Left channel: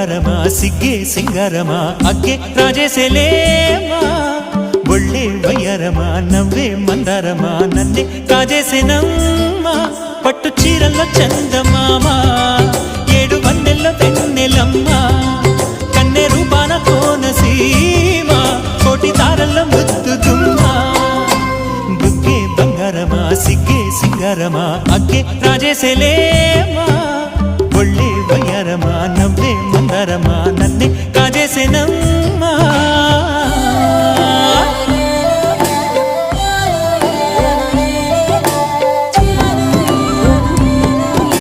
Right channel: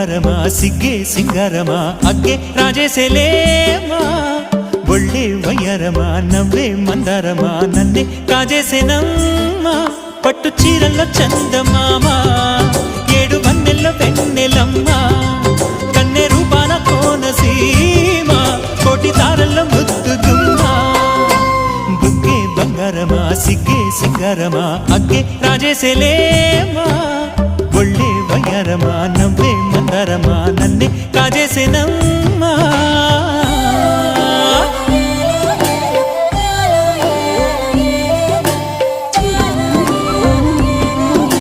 బంగారమా సిగ్గే సింగారమా అగ్గే రాజేసేలేమా ఒళ్ళే వయ్యారమా నవ్వే మందారమా నన్నే కాజేసేనమ్మా పట్టు చీరల్లో చందమామా ఏడు వన్నెల్లో వెన్నెలమ్మా కన్నె రూపాన కోనసీమ కోటి తారల్లో ముద్దుదుమ్మా బుగ్గే బంగారమా సిగ్గే సింగారమా అగ్గే రాజేసేలేమా ఒళ్ళే వయ్యారమా నవ్వే మందారమా నన్నే కాజేసేనమ్మా